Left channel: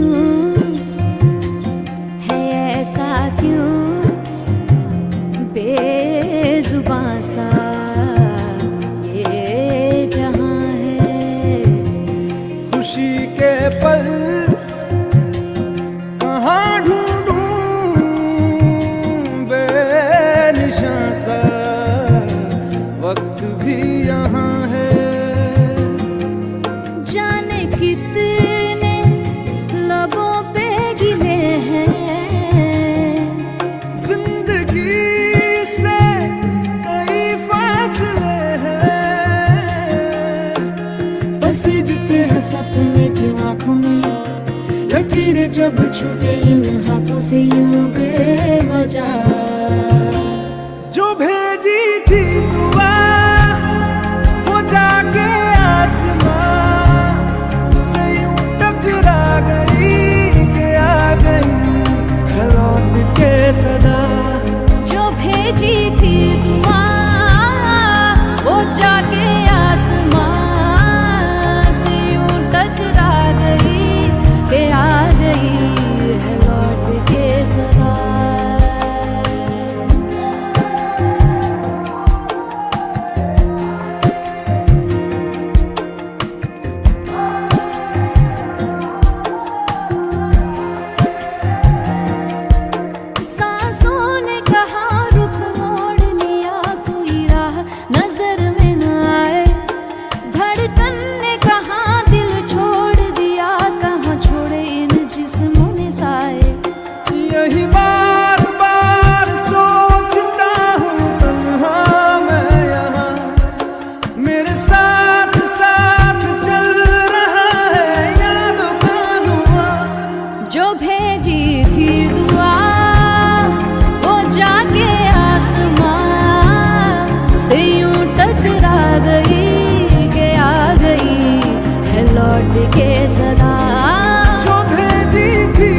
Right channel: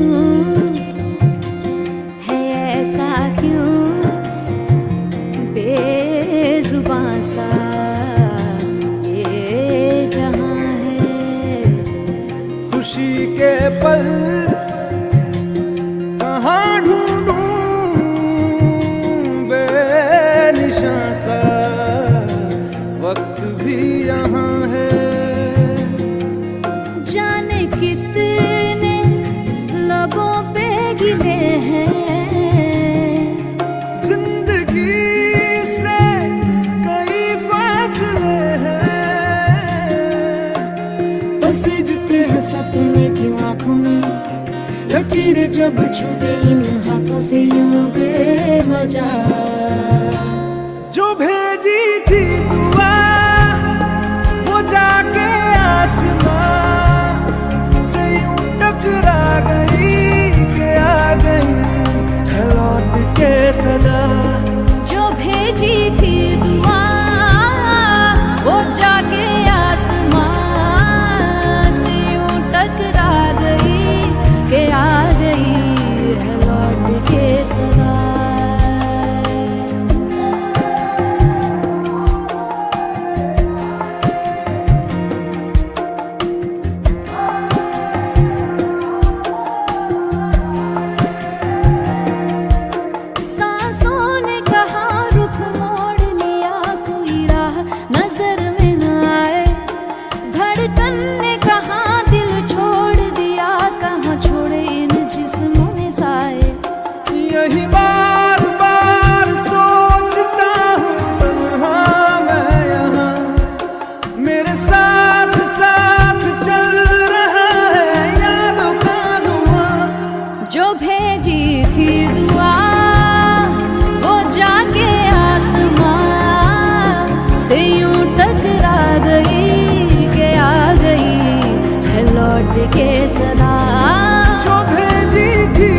पूछूं है ऐसा क्यों बेजुबां सा ये जहां है। खुशी के पल कहाँ ढूंढूं बेनिशां सा वक्त भी यहाँ है। जाने कितने लबों पे गिले हैं जिंदगी से कई फासले हैं। बस जीते हैं सपने की आंखों में लकीरें जब छूटे इन हाथों से यूं बेवजह। जो भेजी थी दुआ वो जाके आसमां से यूं टकरा गई कि आ गई है लौट के सदा। जो भेजी थी दुआ वो जाके आसमां से यूं टकरा गई कि आ गई है लौट के सदा। नजर में न आए धड़कन ने कहाँ दिल छोड़ दिया, कहाँ छोड़े इन जिस्मों ने साए। यही बार बार सोचता हूँ तन्हा मैं यहाँ, मेरे साथ साथ चल रहा है यादों का धुआं। जो भेजी थी दुआ वो जाके आसमां से यूं टकरा गई कि आ गई है लौट के सदा। जो भेजी थी